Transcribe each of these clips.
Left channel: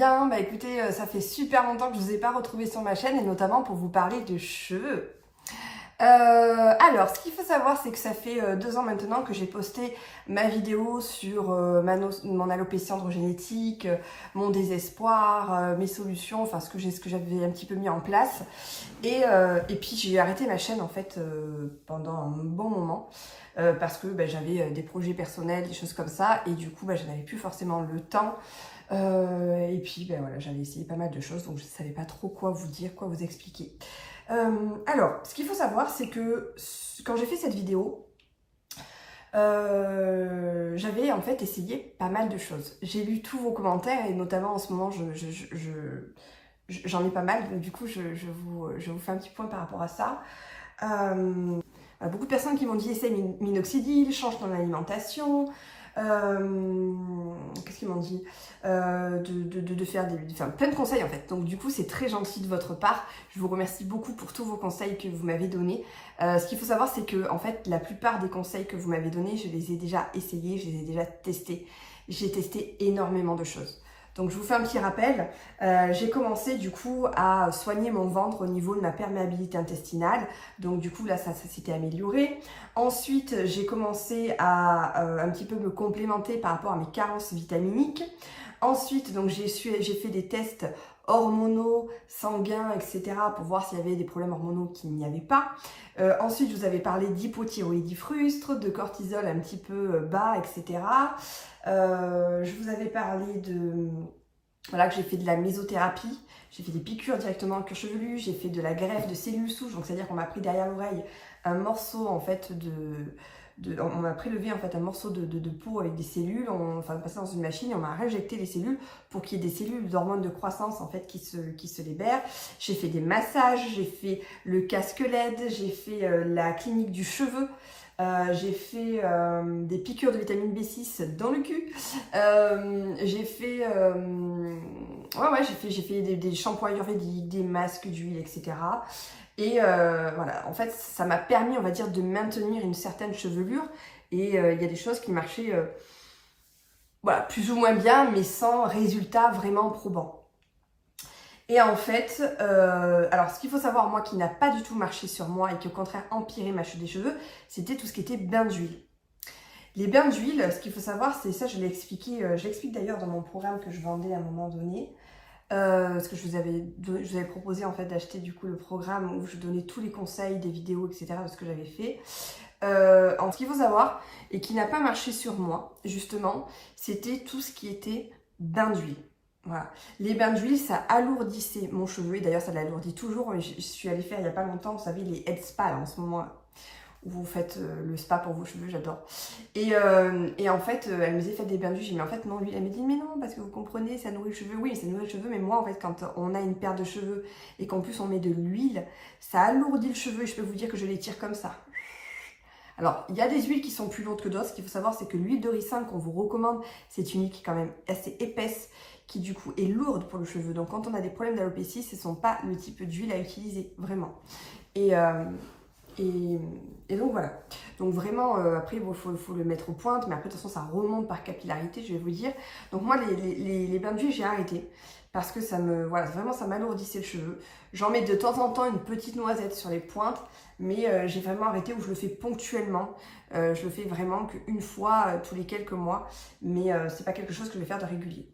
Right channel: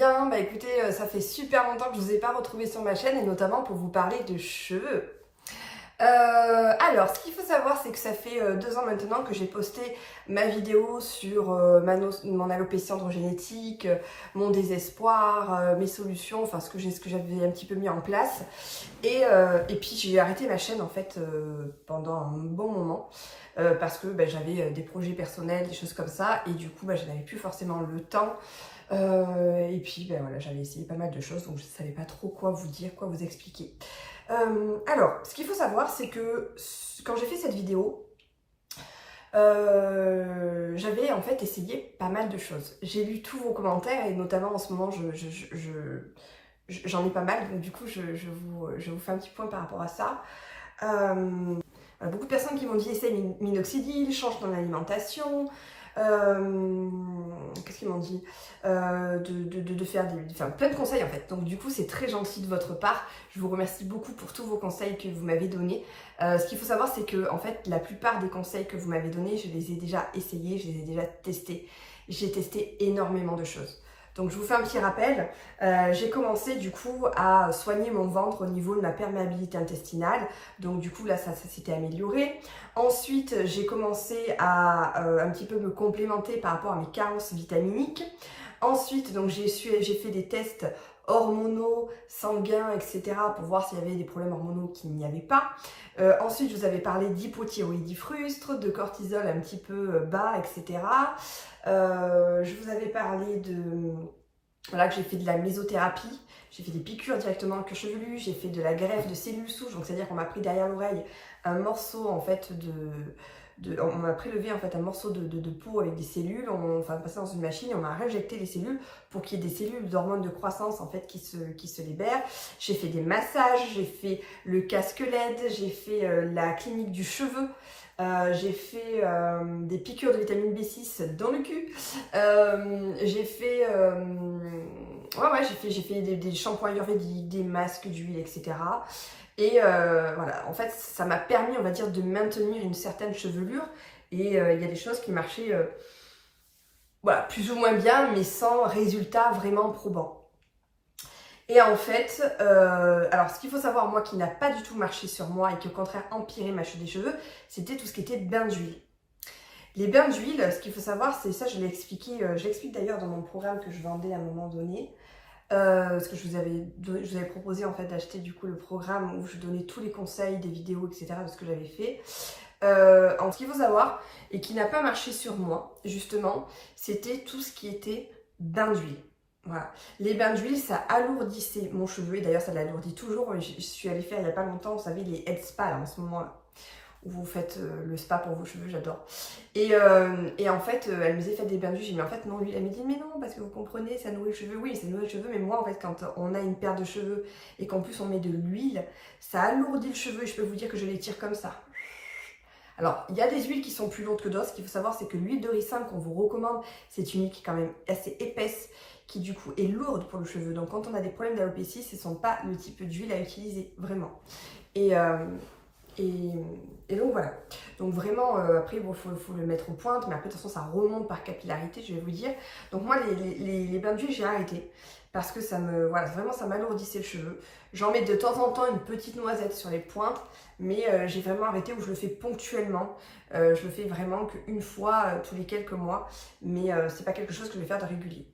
bien? Bah écoutez, ça fait super longtemps que je ne vous ai pas retrouvé sur ma chaîne et notamment pour vous parler de cheveux. Alors, ce qu'il faut savoir, c'est que ça fait 2 ans maintenant que j'ai posté ma vidéo sur mon alopécie androgénétique, mon désespoir, mes solutions, enfin ce que j'avais un petit peu mis en place. Et puis j'ai arrêté ma chaîne en fait pendant un bon moment parce que j'avais des projets personnels, des choses comme ça, et du coup je n'avais plus forcément le temps. Et puis voilà, j'avais essayé pas mal de choses, donc je ne savais pas trop quoi vous dire, quoi vous expliquer. Alors, ce qu'il faut savoir, c'est que quand j'ai fait cette vidéo, j'avais en fait essayé pas mal de choses. J'ai lu tous vos commentaires et notamment en ce moment, j'en ai pas mal, donc du coup, je vous fais un petit point par rapport à ça. Beaucoup de personnes qui m'ont dit essaye minoxidil, change ton alimentation. Qu'est-ce qu'ils m'ont dit de faire plein de conseils en fait. Donc du coup c'est très gentil de votre part. Je vous remercie beaucoup pour tous vos conseils que vous m'avez donnés. Ce qu'il faut savoir, c'est que en fait la plupart des conseils que vous m'avez donnés, je les ai déjà essayés, je les ai déjà testés. J'ai testé énormément de choses. Donc je vous fais un petit rappel, j'ai commencé du coup à soigner mon ventre au niveau de ma perméabilité intestinale, donc du coup là ça s'était amélioré. Ensuite j'ai commencé à un petit peu me complémenter par rapport à mes carences vitaminiques. Ensuite donc j'ai fait des tests hormonaux, sanguins, etc. pour voir s'il y avait des problèmes hormonaux qu'il n'y avait pas. Ensuite je vous avais parlé d'hypothyroïdie frustre, de cortisol un petit peu bas, etc. Je vous avais parlé de voilà, que j'ai fait de la mésothérapie, j'ai fait des piqûres directement dans le cuir chevelu, j'ai fait de la greffe de cellules souches, donc c'est-à-dire qu'on m'a pris derrière l'oreille un morceau en fait on m'a prélevé en fait un morceau de peau avec des cellules, on passé dans une machine et on m'a réinjecté les cellules pour qu'il y ait des cellules d'hormones de croissance en fait qui se libèrent. J'ai fait des massages, j'ai fait le casque LED, j'ai fait la clinique du cheveu. J'ai fait des piqûres de vitamine B6 dans le cul. J'ai fait, j'ai fait des shampoings ayurvédiques, des masques d'huile, etc. Et voilà, en fait, ça m'a permis, on va dire, de maintenir une certaine chevelure. Et il y a des choses qui marchaient, voilà, plus ou moins bien, mais sans résultat vraiment probant. Et en fait, alors ce qu'il faut savoir, moi, qui n'a pas du tout marché sur moi et qui au contraire empirait ma chute des cheveux, c'était tout ce qui était bain d'huile. Les bains d'huile, ce qu'il faut savoir, c'est ça, je l'explique d'ailleurs dans mon programme que je vendais à un moment donné, parce que je vous avais proposé en fait d'acheter du coup le programme où je donnais tous les conseils, des vidéos, etc. de ce que j'avais fait. Ce qu'il faut savoir, et qui n'a pas marché sur moi, justement, c'était tout ce qui était bain d'huile. Voilà. Les bains d'huile, ça alourdissait mon cheveu, et d'ailleurs ça l'alourdit toujours. Je suis allée faire il n'y a pas longtemps, vous savez, les head spa là, en ce moment, où vous faites le spa pour vos cheveux, j'adore. Et en fait, elle me disait faites des bains d'huile. J'ai dit mais en fait non, l'huile. Elle me dit mais non, parce que vous comprenez, ça nourrit le cheveu. Oui, ça nourrit le cheveu, mais moi en fait, quand on a une paire de cheveux et qu'en plus on met de l'huile, ça alourdit le cheveu et je peux vous dire que je les tire comme ça. Alors, il y a des huiles qui sont plus lourdes que d'autres. Ce qu'il faut savoir, c'est que l'huile de ricin qu'on vous recommande, c'est une huile qui est quand même assez épaisse, qui du coup est lourde pour le cheveu. Donc, quand on a des problèmes d'alopécie, ce ne sont pas le type d'huile à utiliser, vraiment. Et donc voilà. Donc vraiment, après, bon, faut le mettre aux pointes, mais après, de toute façon, ça remonte par capillarité, je vais vous dire. Donc moi, les bains d'huile, j'ai arrêté. Parce que voilà, vraiment, ça m'alourdissait le cheveu. J'en mets de temps en temps une petite noisette sur les pointes, mais j'ai vraiment arrêté où je le fais ponctuellement. Je le fais vraiment qu'une fois tous les quelques mois, mais c'est pas quelque chose que je vais faire de régulier.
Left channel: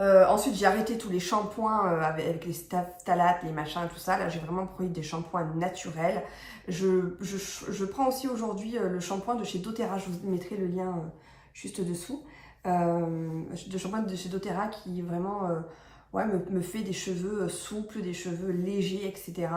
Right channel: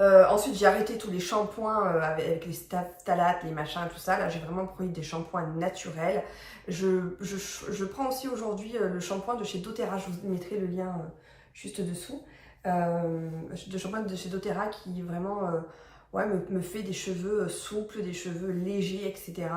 Ensuite, j'ai arrêté tous les shampoings avec les phtalates, les machins, tout ça. Là, j'ai vraiment pris des shampoings naturels. Je prends aussi aujourd'hui le shampoing de chez doTERRA. Je vous mettrai le lien juste dessous. De shampoing de chez doTERRA qui vraiment ouais, me fait des cheveux souples, des cheveux légers, etc.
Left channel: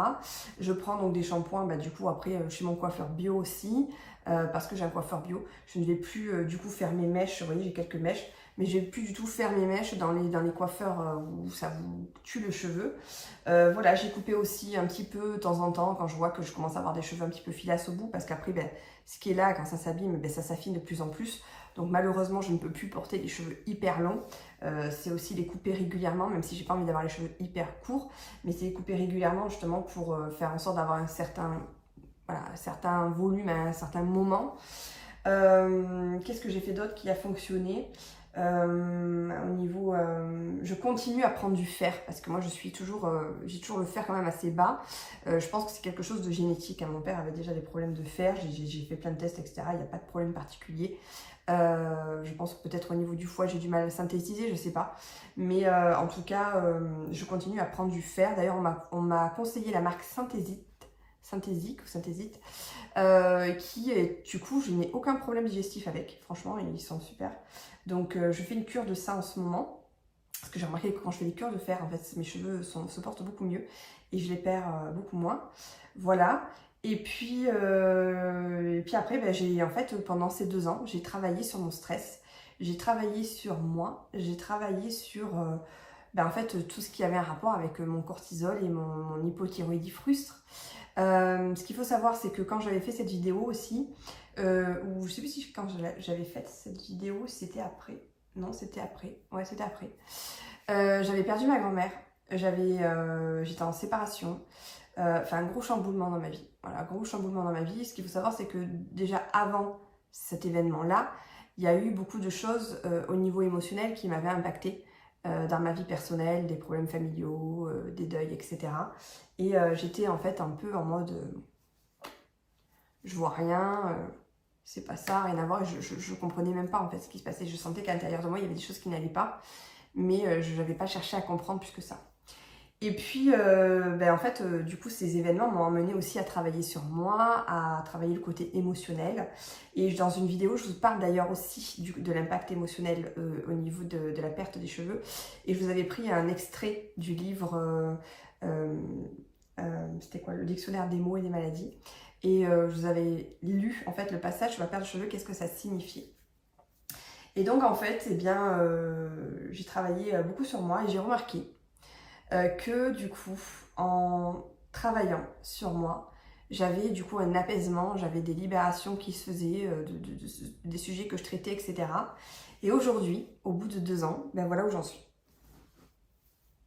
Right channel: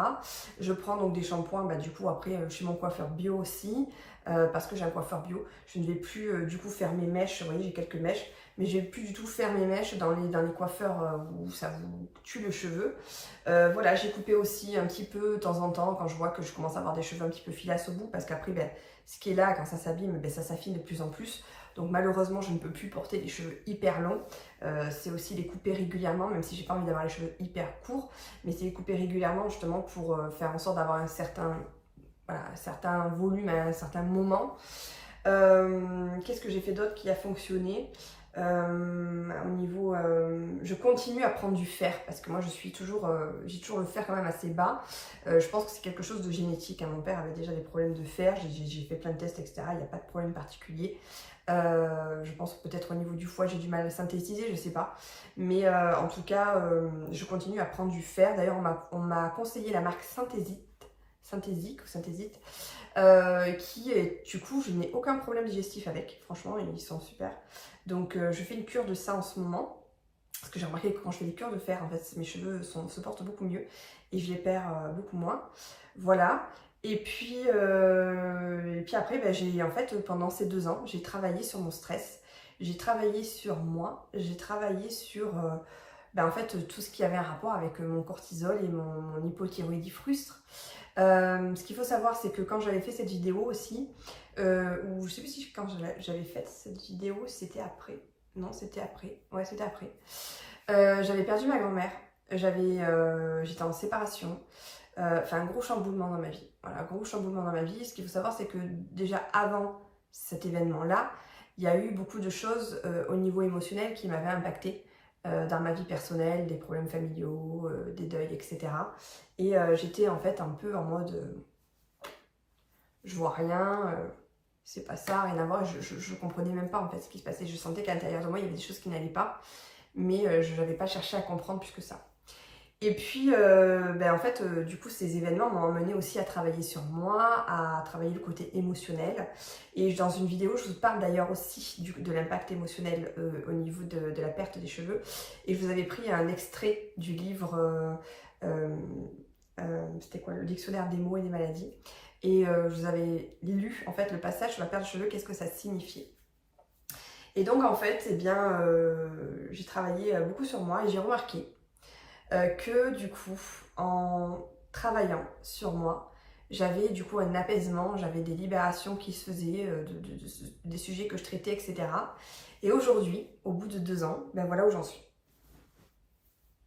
Je prends donc des shampoings, du coup, après, chez mon coiffeur bio aussi. Parce que j'ai un coiffeur bio. Je ne vais plus du coup faire mes mèches. Vous voyez, j'ai quelques mèches. Mais je ne vais plus du tout faire mes mèches dans les coiffeurs où ça vous tue le cheveu. Voilà, j'ai coupé aussi un petit peu de temps en temps quand je vois que je commence à avoir des cheveux un petit peu filasses au bout. Parce qu'après, ce qui est là, quand ça s'abîme, ça s'affine de plus en plus. Donc malheureusement, je ne peux plus porter des cheveux hyper longs. C'est aussi les couper régulièrement, même si j'ai pas envie d'avoir les cheveux hyper courts. Mais c'est les couper régulièrement justement pour faire en sorte d'avoir un certain volume à un certain moment. Qu'est-ce que j'ai fait d'autre qui a fonctionné? Au niveau, je continue à prendre du fer parce que moi j'ai toujours le fer quand même assez bas. Je pense que c'est quelque chose de génétique, hein. Mon père avait déjà des problèmes de fer, j'ai fait plein de tests, etc. Il n'y a pas de problème particulier. Je pense que peut-être au niveau du foie j'ai du mal à synthétiser, je sais pas. Mais en tout cas, je continue à prendre du fer. D'ailleurs, on m'a conseillé la marque Synthésique ou Synthésique, qui est, du coup, je n'ai aucun problème digestif avec. Franchement, ils sont super. Donc, je fais une cure de ça en ce moment. Parce que j'ai remarqué que quand je fais des cures de fer, en fait, mes cheveux se portent beaucoup mieux et je les perds beaucoup moins. Voilà. Et puis après, ben, en fait, pendant ces 2 ans, j'ai travaillé sur mon stress. J'ai travaillé sur moi. J'ai travaillé sur ben, en fait, tout ce qui avait un rapport avec mon cortisol et mon hypothyroïdie frustre. Ce qu'il faut savoir, c'est que quand j'avais fait cette vidéo aussi, ou je sais plus si quand j'avais fait cette vidéo, c'était après. Non, c'était après. Ouais, c'était après. J'avais perdu ma grand-mère. J'étais en séparation. Enfin, un gros chamboulement dans ma vie. Voilà, gros chamboulement dans ma vie. Ce qu'il faut savoir, c'est que déjà avant cet événement-là, il y a eu beaucoup de choses au niveau émotionnel qui m'avaient impactée dans ma vie personnelle, des problèmes familiaux, des deuils, etc. Et j'étais en fait un peu en mode je vois rien, c'est pas ça, rien à voir. Je comprenais même pas en fait ce qui se passait. Je sentais qu'à l'intérieur de moi il y avait des choses qui n'allaient pas, mais je n'avais pas cherché à comprendre plus que ça. Et puis, ben en fait, du coup, ces événements m'ont amené aussi à travailler sur moi, à travailler le côté émotionnel. Et dans une vidéo, je vous parle d'ailleurs aussi de l'impact émotionnel au niveau de la perte des cheveux. Et je vous avais pris un extrait du livre, c'était quoi, le dictionnaire des mots et des maladies. Et je vous avais lu en fait le passage sur la perte de cheveux, qu'est-ce que ça signifiait. Et donc en fait, eh bien, j'ai travaillé beaucoup sur moi et j'ai remarqué que du coup, en travaillant sur moi, j'avais du coup un apaisement, j'avais des libérations qui se faisaient des sujets que je traitais, etc. Et aujourd'hui, au bout de 2 ans, ben voilà où j'en suis.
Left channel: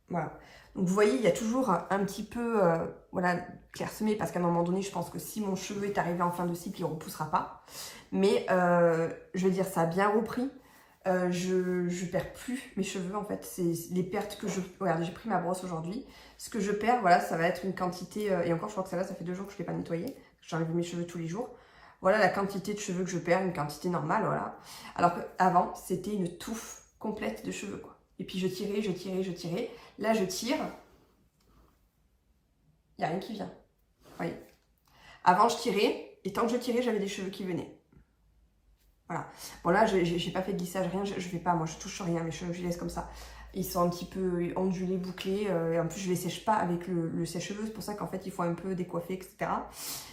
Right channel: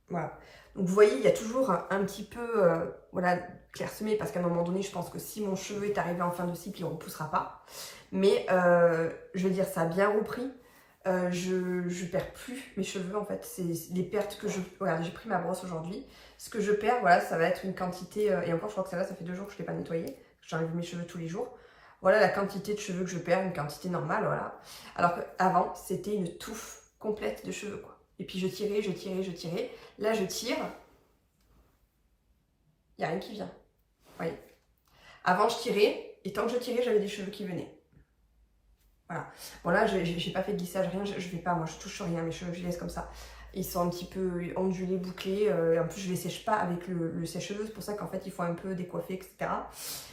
Voilà. Donc vous voyez, il y a toujours un petit peu voilà, clairsemé, parce qu'à un moment donné, je pense que si mon cheveu est arrivé en fin de cycle, il ne repoussera pas. Mais je veux dire, ça a bien repris. Je perds plus mes cheveux en fait, c'est les pertes que je... Regarde, j'ai pris ma brosse aujourd'hui, ce que je perds, voilà, ça va être une quantité, et encore je crois que ça fait 2 jours que je ne l'ai pas nettoyé, j'enlève mes cheveux tous les jours, voilà la quantité de cheveux que je perds, une quantité normale, voilà, alors qu'avant c'était une touffe complète de cheveux quoi, et puis je tirais, là je tire, il n'y a rien qui vient, vous voyez, avant je tirais, et tant que je tirais j'avais des cheveux qui venaient. Voilà. Bon là, j'ai pas fait de lissage, rien, je fais pas, moi je touche rien, mes cheveux je les laisse comme ça. Ils sont un petit peu ondulés, bouclés, et en plus je les sèche pas avec le sèche-cheveux, c'est pour ça qu'en fait il faut un peu décoiffer, etc.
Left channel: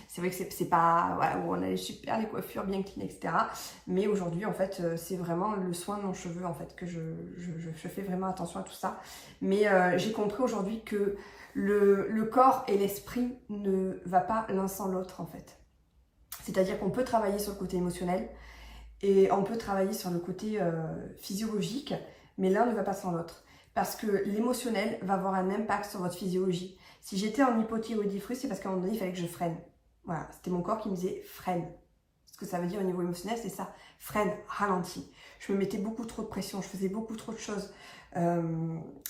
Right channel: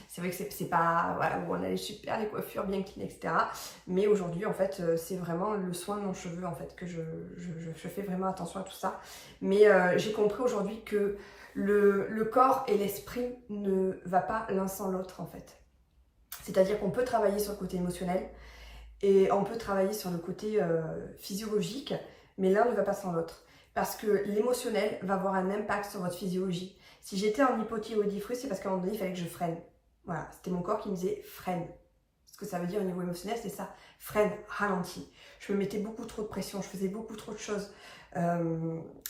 C'est vrai que c'est pas, voilà, on a les coiffures bien clean, etc. Mais aujourd'hui en fait c'est vraiment le soin de mon cheveu en fait, que je fais vraiment attention à tout ça. Mais j'ai compris aujourd'hui que le corps et l'esprit ne va pas l'un sans l'autre en fait. C'est-à-dire qu'on peut travailler sur le côté émotionnel, et on peut travailler sur le côté physiologique, mais l'un ne va pas sans l'autre. Parce que l'émotionnel va avoir un impact sur votre physiologie. Si j'étais en hypothyroïdie frustre, c'est parce qu'à un moment donné, il fallait que je freine. Voilà, c'était mon corps qui me disait freine. Ce que ça veut dire au niveau émotionnel, c'est ça. Freine, ralentis. Je me mettais beaucoup trop de pression, je faisais beaucoup trop de choses.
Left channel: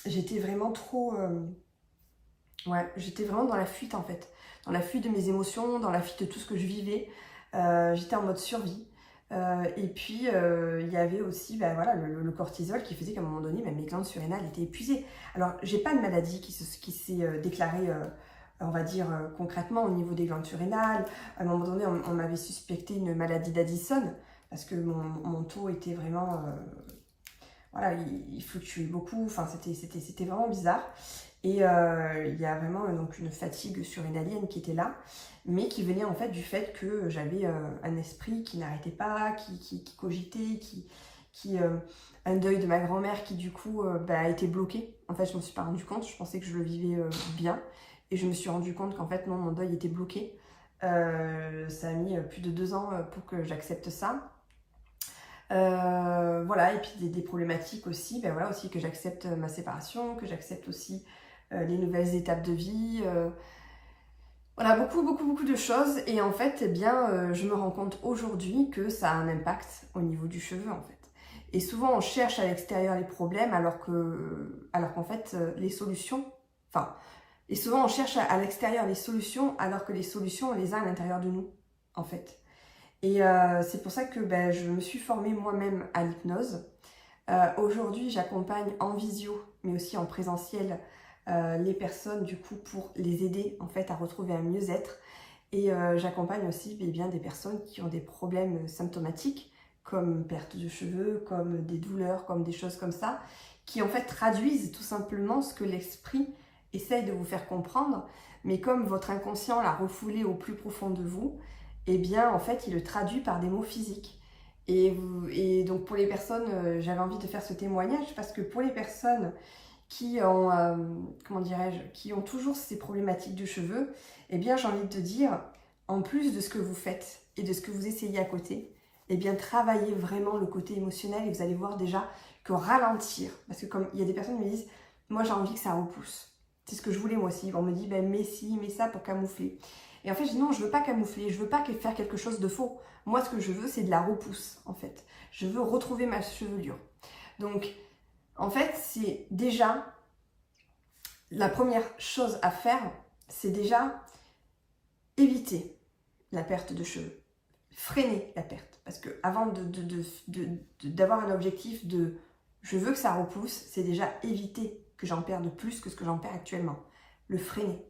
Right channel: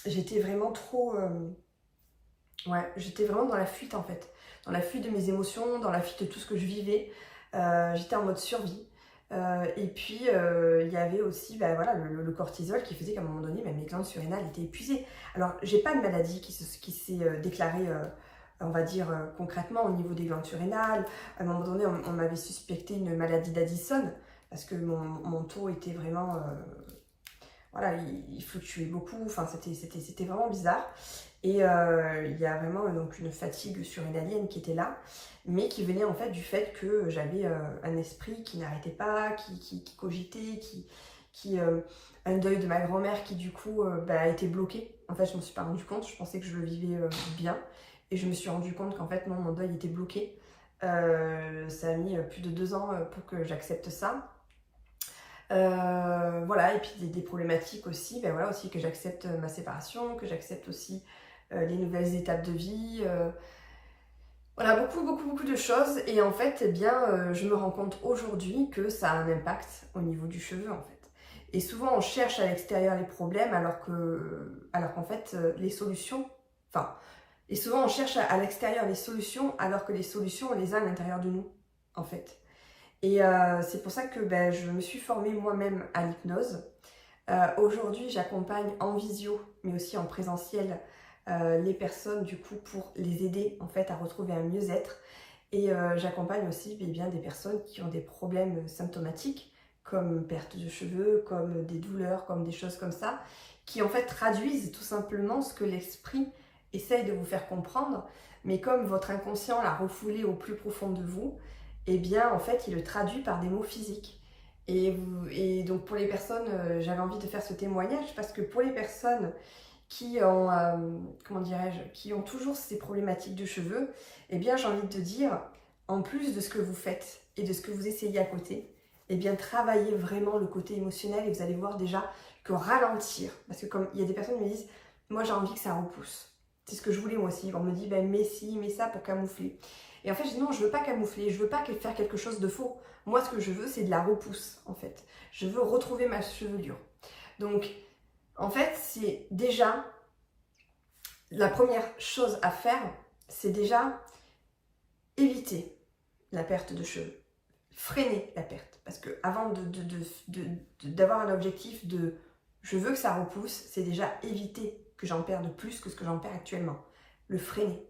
J'étais vraiment trop... ouais, j'étais vraiment dans la fuite en fait. Dans la fuite de mes émotions, dans la fuite de tout ce que je vivais. J'étais en mode survie. Et puis il y avait aussi voilà, le cortisol qui faisait qu'à un moment donné mes glandes surrénales étaient épuisées. Alors j'ai pas de maladie qui s'est déclarée on va dire concrètement au niveau des glandes surrénales. À un moment donné on m'avait suspecté une maladie d'Addison parce que mon taux était vraiment voilà, il fluctuait beaucoup, enfin c'était vraiment bizarre. Et il y a vraiment donc une fatigue surrénalienne qui était là, mais qui venait en fait du fait que j'avais un esprit qui n'arrêtait pas, qui cogitait, un deuil de ma grand-mère qui du coup a été bloqué. En fait, je ne me suis pas rendu compte, je pensais que je le vivais bien, et je me suis rendu compte qu'en fait non, mon deuil était bloqué. Ça a mis plus de 2 ans pour que j'accepte ça. Voilà, et puis des problématiques aussi, voilà, aussi que j'accepte ma séparation, que j'accepte aussi les nouvelles étapes de vie, voilà, beaucoup de choses. Et en fait, eh bien, je me rends compte aujourd'hui que ça a un impact au niveau du cheveu en fait. Et souvent, on cherche à l'extérieur les problèmes alors qu'en fait, les solutions... Enfin, et souvent, on cherche à l'extérieur les solutions alors que les solutions, on les a à l'intérieur de nous, en fait. Et c'est pour ça que je me suis formée moi-même à l'hypnose. Aujourd'hui, j'accompagne en visio, mais aussi en présentiel, les personnes du coup pour les aider en fait à retrouver un mieux-être. Et j'accompagne aussi bien des personnes qui ont des problèmes symptomatiques comme perte de cheveux, comme des douleurs, comme des choses comme ça, qui en fait traduisent tout simplement ce que l'esprit essaye de vous faire comprendre, mais comme votre inconscient l'a refoulé au plus profond de vous, eh bien en fait il le traduit par des mots physiques. Et donc pour les personnes, j'avais envie de faire ce témoignage parce que pour les personnes qui ont, comment dirais-je, qui ont toujours ces problématiques de cheveux, eh bien j'ai envie de te dire, en plus de ce que vous faites et de ce que vous essayez à côté, eh bien travaillez vraiment le côté émotionnel et vous allez voir déjà que ralentir, parce que comme il y a des personnes qui me disent, moi j'ai envie que ça repousse. C'est ce que je voulais moi aussi. On me dit, mets ci, mets ça pour camoufler. Et en fait, je dis non, je veux pas camoufler, je veux pas faire quelque chose de faux. Moi, ce que je veux, c'est de la repousse, en fait. Je veux retrouver ma chevelure. Donc, en fait, c'est déjà, la première chose à faire, c'est déjà éviter la perte de cheveux. Freiner la perte. Parce que avant d'avoir un objectif de je veux que ça repousse, c'est déjà éviter que j'en perde plus que ce que j'en perds actuellement. Le freiner.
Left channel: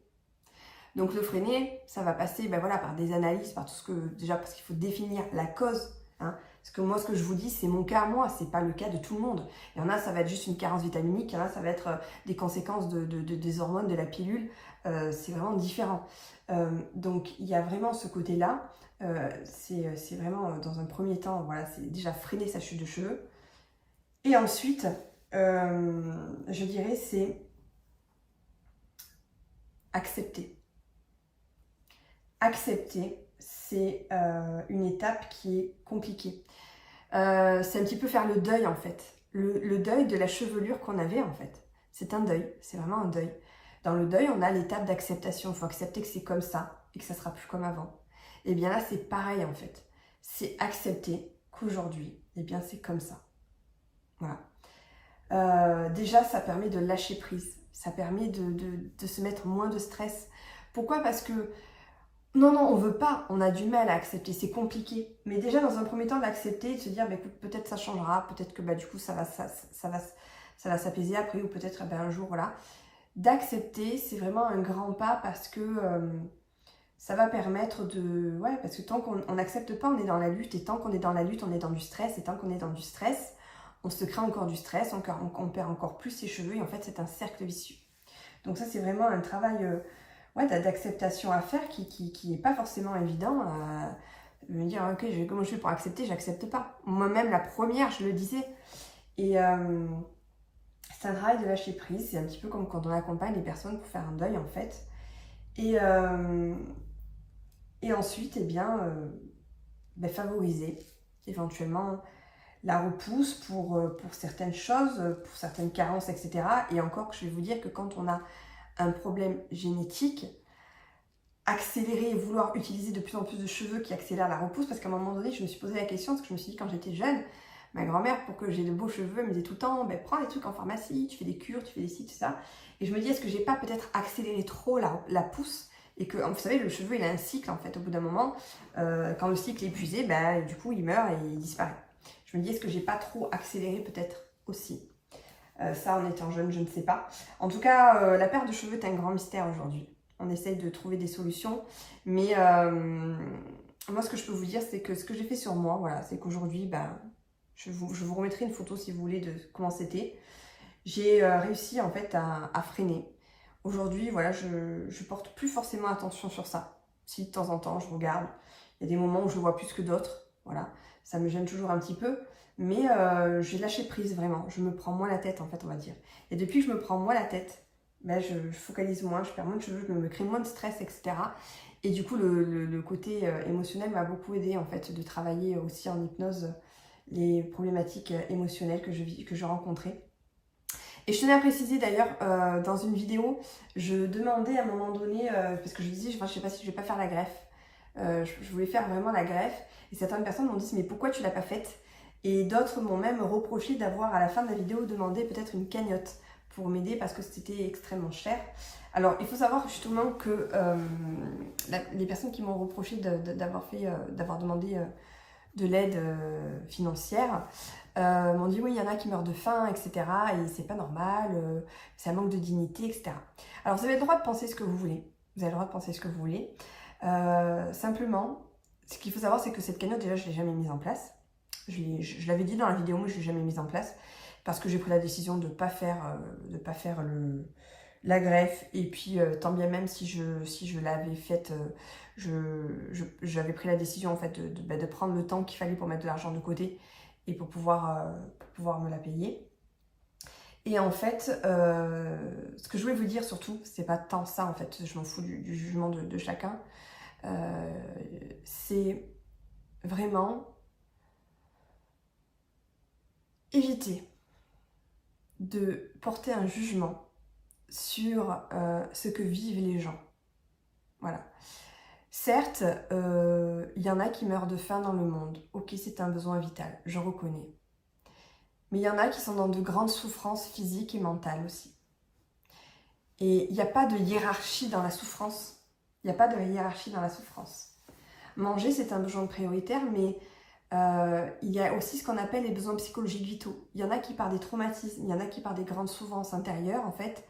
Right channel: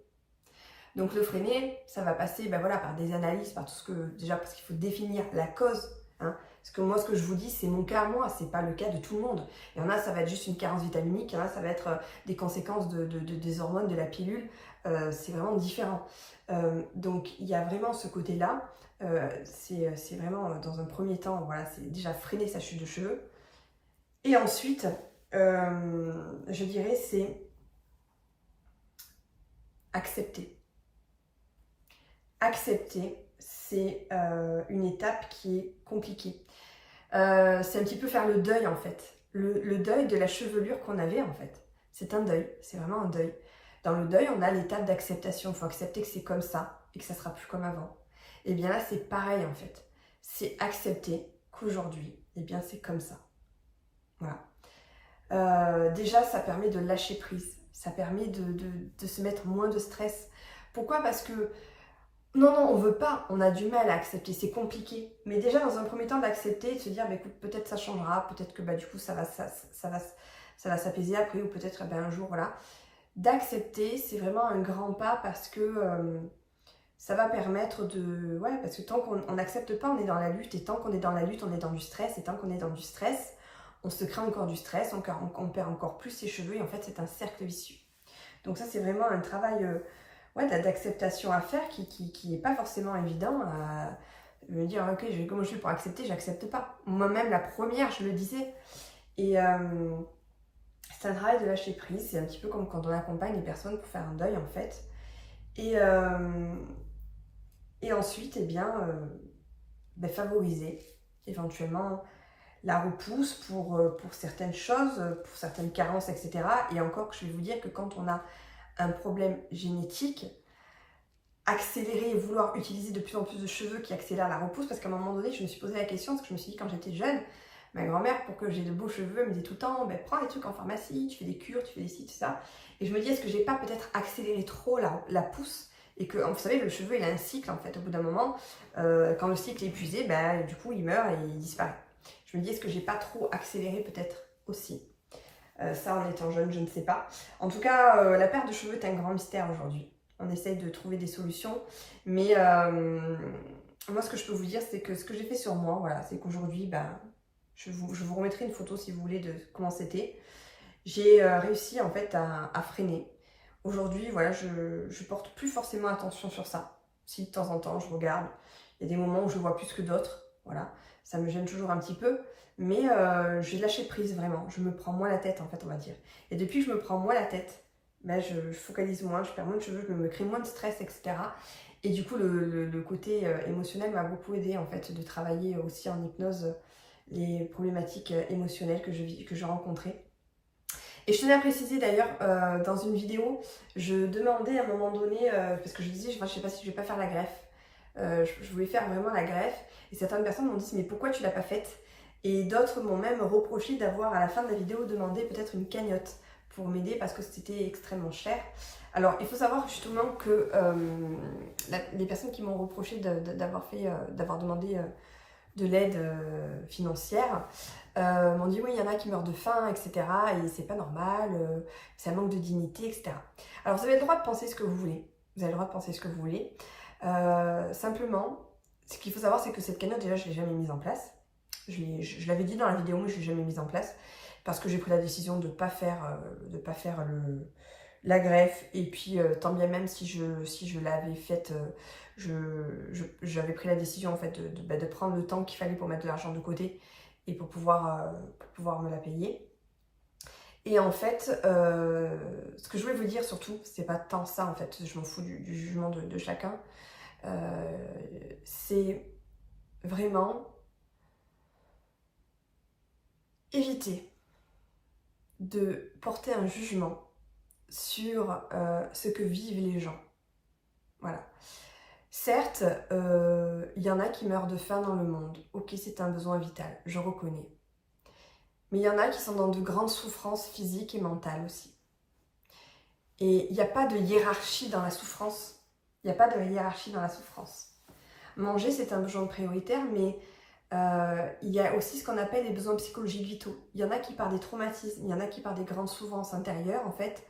Donc le freiner, ça va passer par des analyses, par tout ce que, déjà parce qu'il faut définir la cause. Hein. Parce que moi, ce que je vous dis, c'est mon cas à moi, c'est pas le cas de tout le monde. Il y en a, ça va être juste une carence vitaminique, il y en a, ça va être des conséquences des hormones, de la pilule. C'est vraiment différent. Donc il y a vraiment ce côté-là. C'est vraiment, dans un premier temps, voilà, c'est déjà freiner sa chute de cheveux. Et ensuite, je dirais, c'est accepter. Accepter, c'est une étape qui est compliquée. C'est un petit peu faire le deuil en fait. Le deuil de la chevelure qu'on avait en fait. C'est un deuil, c'est vraiment un deuil. Dans le deuil, on a l'étape d'acceptation. Il faut accepter que c'est comme ça et que ça sera plus comme avant. Et bien là, c'est pareil en fait. C'est accepter qu'aujourd'hui, eh bien c'est comme ça. Voilà. Déjà, ça permet de lâcher prise. Ça permet de se mettre moins de stress. Pourquoi? Parce que non, on veut pas, on a du mal à accepter, c'est compliqué. Mais déjà, dans un premier temps, d'accepter et de se dire, écoute, peut-être ça changera, peut-être que du coup, ça va s'apaiser après, ou peut-être un jour, voilà. D'accepter, c'est vraiment un grand pas parce que ça va permettre de... Ouais, parce que tant qu'on n'accepte pas, on est dans la lutte, et tant qu'on est dans la lutte, on est dans du stress, et tant qu'on est dans du stress, on se crée encore du stress, on perd encore plus ses cheveux, et en fait, c'est un cercle vicieux. Donc ça, c'est vraiment un travail... d'acceptation à faire qui n'est pas forcément évident à me dire ok, comment je fais pour accepter, j'accepte pas. Moi-même la première, je le disais. Et c'est un travail de lâcher prise, c'est un petit peu comme quand on accompagne les personnes pour faire un deuil en fait. Et ensuite, favoriser éventuellement la repousse pour certaines choses, pour certaines carences, etc. Et encore, je vais vous dire que quand on a un problème génétique, accélérer et vouloir utiliser de plus en plus de cheveux qui accélèrent la repousse, parce qu'à un moment donné, je me suis posé la question, parce que je me suis dit quand j'étais jeune, ma grand-mère, pour que j'ai de beaux cheveux, elle me disait tout le temps, prends des trucs en pharmacie, tu fais des cures, tu fais des ci, tout ça. Et je me dis, est-ce que j'ai pas peut-être accéléré trop la pousse, et que, vous savez, le cheveu, il a un cycle, en fait, au bout d'un moment, quand le cycle est épuisé, du coup, il meurt et il disparaît. Je me dis, est-ce que j'ai pas trop accéléré peut-être aussi ça, en étant jeune, je ne sais pas. En tout cas, la perte de cheveux est un grand mystère aujourd'hui. On essaye de trouver des solutions. Mais moi, ce que je peux vous dire, c'est que ce que j'ai fait sur moi, voilà, c'est qu'aujourd'hui, je vous remettrai une photo si vous voulez de comment c'était. J'ai réussi en fait à freiner. Aujourd'hui, voilà, je porte plus forcément attention sur ça. Si de temps en temps, je regarde. Il y a des moments où je vois plus que d'autres. Voilà, ça me gêne toujours un petit peu. Mais j'ai lâché prise vraiment. Je me prends moins la tête en fait, on va dire. Et depuis que je me prends moins la tête, je focalise moins, je perds moins de cheveux, je me crée moins de stress, etc. Et du coup, le côté émotionnel m'a beaucoup aidé en fait de travailler aussi en hypnose les problématiques émotionnelles que je rencontrais. Et je tenais à préciser d'ailleurs, dans une vidéo, je demandais à un moment donné, parce que je disais, je ne sais pas si je vais pas faire la greffe. Je voulais faire vraiment la greffe. Et certaines personnes m'ont dit, mais pourquoi tu l'as pas faite? Et d'autres m'ont même reproché d'avoir à la fin de la vidéo demandé peut-être une cagnotte pour m'aider parce que c'était extrêmement cher. Alors il faut savoir justement que les personnes qui m'ont reproché d'avoir demandé de l'aide financière m'ont dit oui, il y en a qui meurent de faim, etc. Et c'est pas normal, c'est un manque de dignité, etc. Alors vous avez le droit de penser ce que vous voulez. Vous avez le droit de penser ce que vous voulez. Simplement, ce qu'il faut savoir, c'est que cette cagnotte, déjà, je ne l'ai jamais mise en place. Je l'avais dit dans la vidéo, mais je ne l'ai jamais mise en place parce que j'ai pris la décision de ne pas faire, la greffe. Et puis, tant bien même si je l'avais faite, j'avais pris la décision en fait de prendre le temps qu'il fallait pour mettre de l'argent de côté et pour pouvoir me la payer. Et en fait, ce que je voulais vous dire surtout, c'est pas tant ça en fait, je m'en fous du jugement de chacun, c'est vraiment éviter de porter un jugement sur ce que vivent les gens. Voilà. Certes, il y en a qui meurent de faim dans le monde. Ok, c'est un besoin vital, je reconnais. Mais il y en a qui sont dans de grandes souffrances physiques et mentales aussi. Et il n'y a pas de hiérarchie dans la souffrance. Il n'y a pas de hiérarchie dans la souffrance. Manger, c'est un besoin prioritaire, mais il y a aussi ce qu'on appelle les besoins psychologiques vitaux. Il y en a qui par des traumatismes, il y en a qui par des grandes souffrances intérieures, en fait.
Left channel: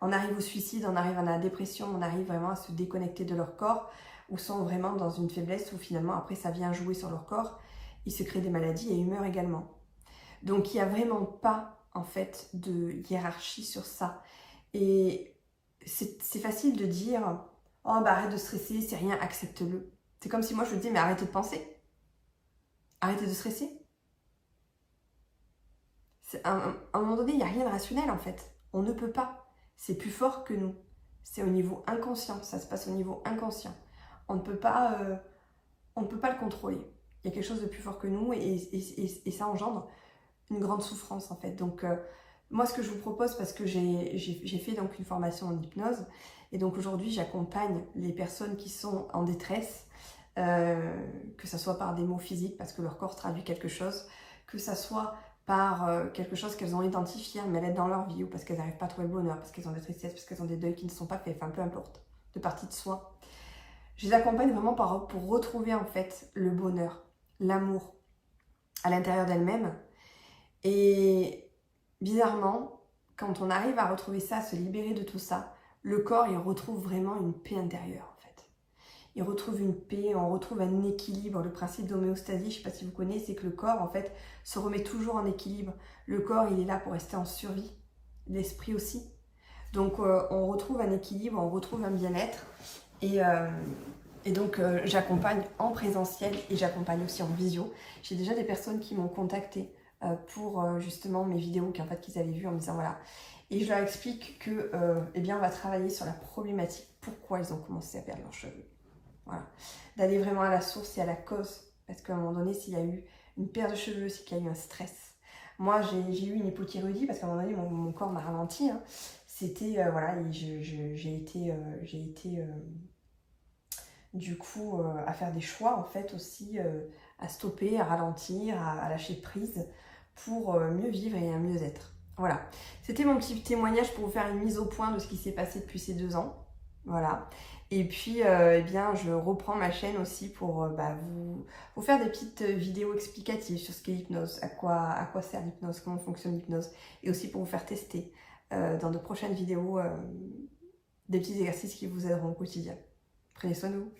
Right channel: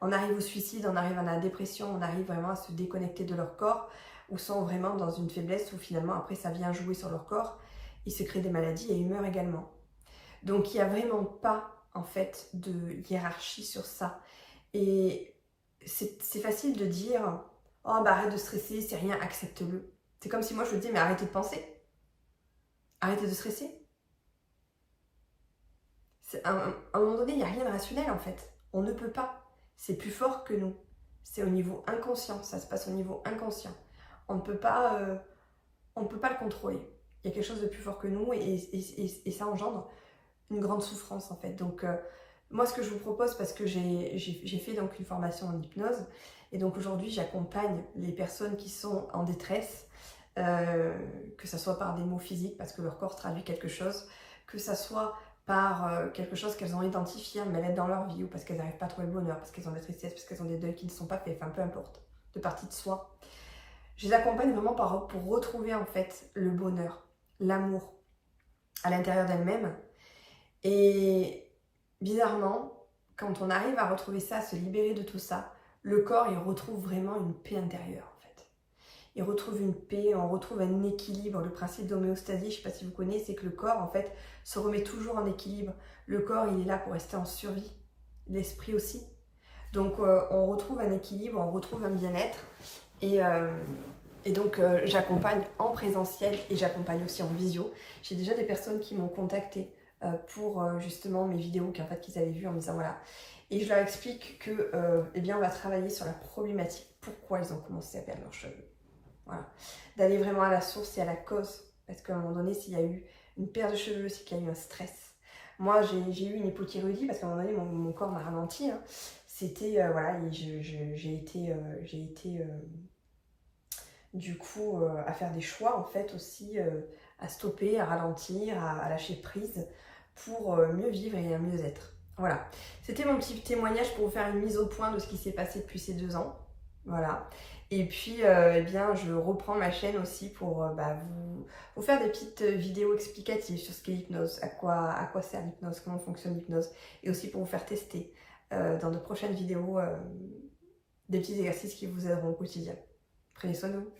On arrive au suicide, on arrive à la dépression, on arrive vraiment à se déconnecter de leur corps, ou sont vraiment dans une faiblesse où finalement après ça vient jouer sur leur corps, ils se créent des maladies et ils meurent également. Donc il n'y a vraiment pas en fait de hiérarchie sur ça. Et c'est facile de dire « Oh bah arrête de stresser, c'est rien, accepte-le ». C'est comme si moi je te dis « Mais arrêtez de penser, arrêtez de stresser ». À un moment donné, il n'y a rien de rationnel en fait. On ne peut pas. C'est plus fort que nous. C'est au niveau inconscient, ça se passe au niveau inconscient. On ne peut pas le contrôler. Il y a quelque chose de plus fort que nous et ça engendre une grande souffrance en fait. Donc moi ce que je vous propose, parce que j'ai fait donc une formation en hypnose et donc aujourd'hui j'accompagne les personnes qui sont en détresse, que ce soit par des mots physiques parce que leur corps traduit quelque chose, que ce soit par quelque chose qu'elles ont identifié, un mal-être dans leur vie, ou parce qu'elles n'arrivent pas à trouver le bonheur, parce qu'elles ont des tristesses, parce qu'elles ont des deuils qui ne sont pas faits, enfin peu importe, de partie de soi. Je les accompagne vraiment pour retrouver en fait le bonheur, l'amour à l'intérieur d'elles-mêmes. Et bizarrement, quand on arrive à retrouver ça, à se libérer de tout ça, le corps il retrouve vraiment une paix intérieure en fait. Il retrouve une paix, on retrouve un équilibre. Le principe d'homéostasie, je ne sais pas si vous connaissez, c'est que le corps en fait se remet toujours en équilibre. Le corps il est là pour rester en survie, l'esprit aussi. Donc on retrouve un équilibre, on retrouve un bien-être. Et donc j'accompagne en présentiel et j'accompagne aussi en visio. J'ai déjà des personnes qui m'ont contacté pour justement mes vidéos qu'en fait qu'ils avaient vues en me disant voilà. Et je leur explique que eh bien on va travailler sur la problématique, pourquoi ils ont commencé à perdre leurs cheveux. Voilà. D'aller vraiment à la source et à la cause. Parce qu'à un moment donné, s'il y a eu une perte de cheveux, c'est qu'il y a eu un stress. Moi, j'ai eu une hypothyroïdie parce qu'à un moment donné, mon corps m'a ralenti. Hein. C'était, voilà, et j'ai été du coup à faire des choix en fait aussi, à stopper, à ralentir, à lâcher prise pour mieux vivre et mieux être. Voilà. C'était mon petit témoignage pour vous faire une mise au point de ce qui s'est passé depuis ces 2 ans. Voilà. Et puis, eh bien, je reprends ma chaîne aussi pour vous faire des petites vidéos explicatives sur ce qu'est l'hypnose, à quoi sert l'hypnose, comment fonctionne l'hypnose, et aussi pour vous faire tester dans de prochaines vidéos des petits exercices qui vous aideront au quotidien. Prenez soin de vous.